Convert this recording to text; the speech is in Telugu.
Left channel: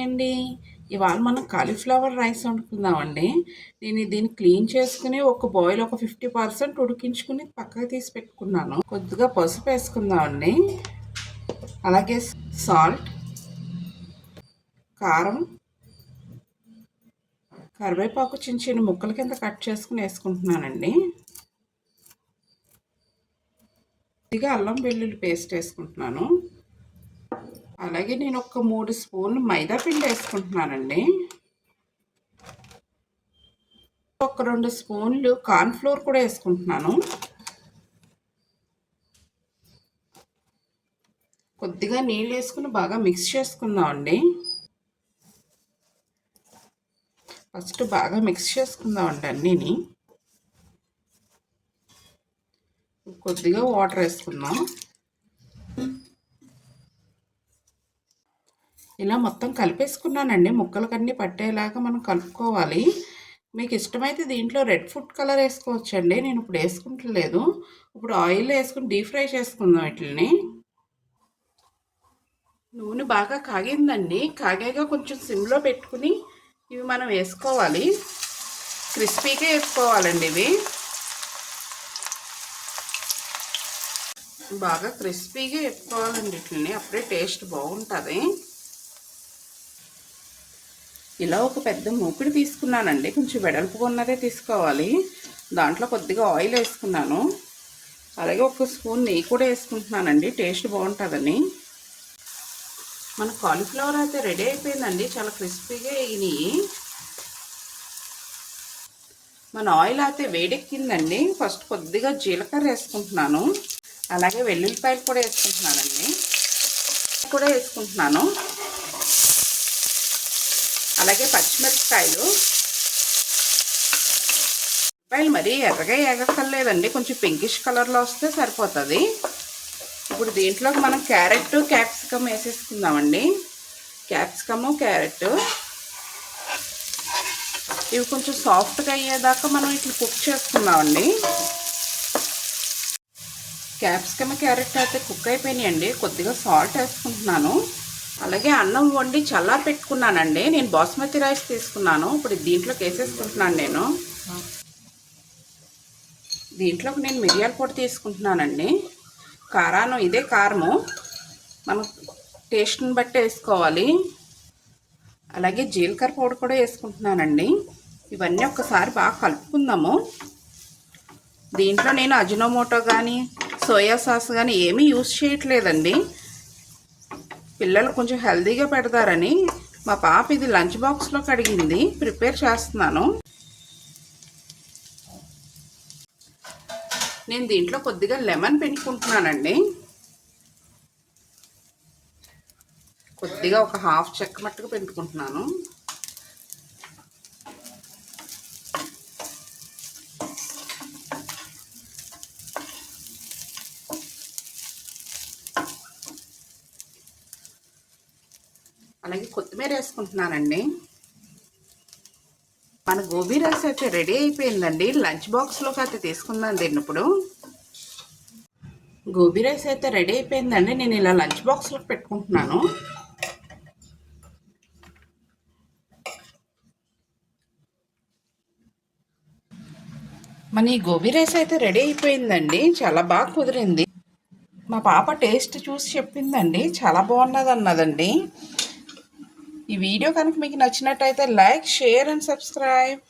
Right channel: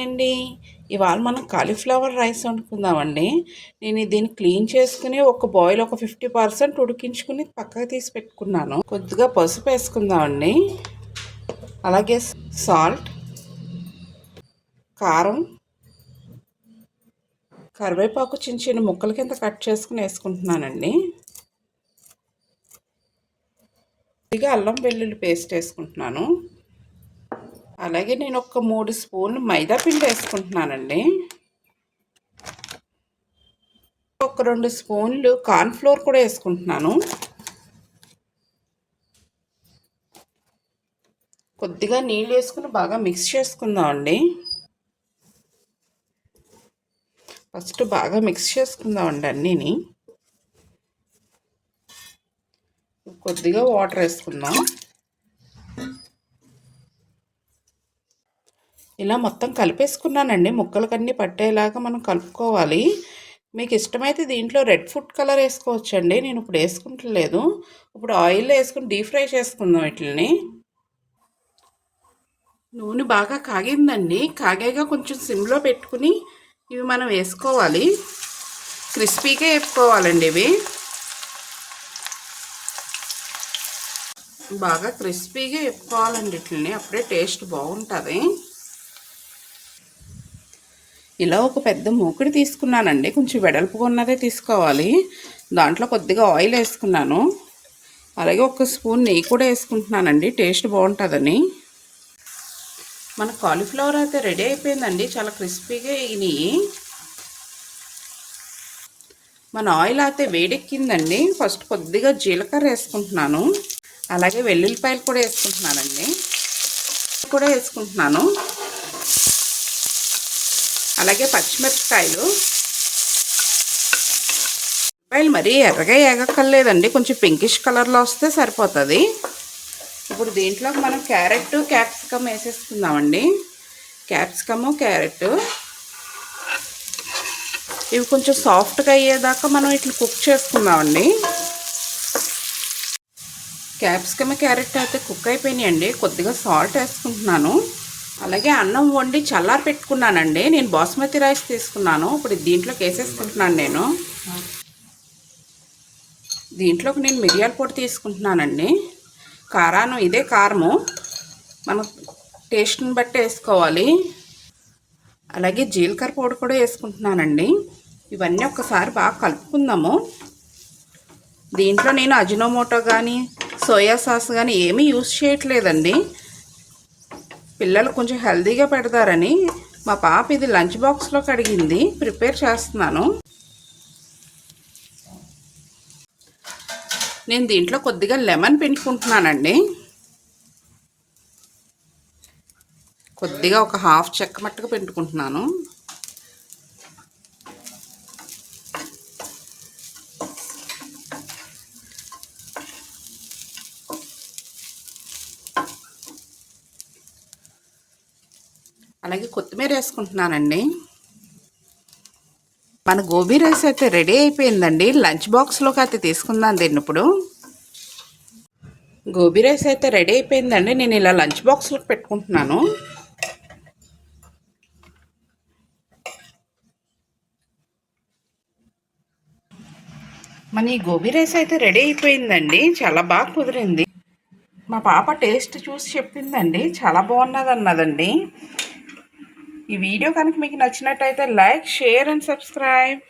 హాయ్ అండి. ఇవాళ మనం కాలీఫ్లవర్ రైస్ వండుకుందామండి. నేను దీన్ని క్లీన్ చేసుకుని ఒక బాయిల్ ఒక 50% ఉడికించుకుని పక్కకు తీసి పెట్టుకున్నాను. కొద్దిగా పసుపు వేసుకుందామండి, అలాగే సాల్ట్, కారం, కరివేపాకు చిన్న చిన్న ముక్కల కింద కట్ చేసుకుని వేసుకుంటున్నానండి. కొద్దిగా అల్లం వెల్లుల్లి పేస్ట్ వేసుకుంటున్నాను. అలాగే నేను ఒక 3 స్పూన్లు మైదా పిండి వేసుకుంటున్నానండి. ఒక 2 స్పూన్లు కార్న్ఫ్లోర్ కూడా వేసుకుంటున్నాను. కొద్దిగా నీళ్ళు వేసుకుని బాగా మిక్స్ చేసుకుందామండి. ఫస్ట్ బాగా మిక్స్ చేసుకుందామండి అన్నీని. కొద్దిగా వాటర్ వేసుకుందాం. ఇలా మొత్తం కలిపేసుకున్నానండి. ముక్కలకన్నీ పట్టేలాగా మనం కలుపుకోవాలి. మీకు ఇష్టమైతే దీంట్లో రెడ్ ఫుడ్ కలర్ వేసుకోవచ్చండి. నేను ఇప్పుడు వేసుకుంటలేదు. ఇప్పుడు ఆయిల్ వేసుకుని డీప్ ఫ్రై చేసుకుందాం వీటిని. నూనె బాగా కాగిందండి. కాగాక కొంచెం సిమ్లో పెట్టుకుని ఇవి మనం వేసుకోవాలి. క్రిస్పీగా వేసుకోవాలండి. ఇవి బాగా క్రిస్పీగా వేసుకోవాలండి. వీటిని అప్పుడే టేస్ట్ బాగుంటుంది. ఇలా ఒక పెద్ద మూకుడు తీసుకున్నానండి. కొంచెం వెడల్పుగా ఉన్నదే తీసుకోవాలి. దాంట్లో కొద్దిగా ఆయిల్ వేసుకున్నాను. అలాగే ఒక స్పూన్ నెయ్యి కూడా వేసుకుంటున్నానండి, టేస్ట్ బాగుంటుందని. మన కాలీఫ్లవర్ అయితే రెడీ అయిపోయిందండి. చాలా క్రిస్పీగా వేగినాయి. మన ఆయిల్ అయితే వేడెక్కిందండి. ఫస్ట్ కొద్దిగా జీలకర్ర వేసుకుంటున్నాను. అలాగే వెల్లుల్లిపాయలు కూడా వేసుకుంటున్నానండి. అలాగే పచ్చిమిరపకాయలు మరీ ఎర్రగా ఏగక్కర్లేదండి, కొంచెం పింకిష్ కలర్లో వస్తే సరిపోతుంది. ఇప్పుడు దీంట్లోకి మనం క్యారెట్, క్యాప్సికమ్ వేసేసుకుందామండి. క్యాప్సికము, క్యారెట్ ఇవి కొంచెం సాఫ్ట్గా అయ్యేదాకా మనం ఇట్లా కుక్ చేసుకుందామండి. క్యాప్సికమ్, క్యారెట్ అయితే కుక్ అయిపోయినాయండి. కొద్దిగా సాల్ట్ వేసుకుంటున్నాను. అలాగే అన్నం వండి చల్లారి పెట్టుకున్నానండి. నేను బాస్మతి రైస్ తీసుకున్నాను. ఇప్పుడు దీంట్లోకి వేసేసుకుంటున్నాను. దీంట్లోకి నేను మిరియాల పొడి తీసుకుంటున్నానండి. ఇదే కారము మనం టేస్ట్ని బట్టి వేసుకోవాలి. అలాగే జీలకర్ర పొడి కూడా వేసుకుంటున్నానండి. ఇవన్నీ ఒక్కసారి బాగా కలుపుకుందాము. దీంట్లో నేను అజినోమోటో కానీ సోయా సాస్ కానీ ఏమీ యూజ్ చేయట్లేదండి. పిల్లలు కొంచెం హెల్తీగా పెడతారని మా పాప ఇది లంచ్ బాక్స్లోకి అడిగింది, ప్రిపేర్ చేస్తున్నాను. నేను దీంట్లో కొద్దిగా లెమన్ పిండుకుంటున్నానండి. కొద్దిగా ఒక హాఫ్ చెక్క మట్టుకు పిండుకుంటున్నాను. అలాగే కొత్తిమీర వేసుకుంటున్నానండి. మన గోబీ రైస్ అయితే రెడీ అయిపోయిందండి. లంచ్ బాక్స్లోకి అయితే తీసుకుందాం దీన్ని. ఇప్పుడు గోబీ రైస్ అయితే రెడీ అయిపోయిందండి. నేను ఇలా లంచ్ బాక్స్లోకి పెట్టుకుంటున్నాను. మన ఈ గోబీ రైస్ అయితే రెడీ అయిపోయిందండి. చాలా బాగా కుదిరింది. మా పాప టేస్ట్ చూసి చెప్పిందండి, చాలా బాగున్నది అన్నదండి. ఈ వీడియో కనుక మీకు నచ్చినట్టయితే లైక్, షేర్ అండ్ సబ్స్క్రైబ్.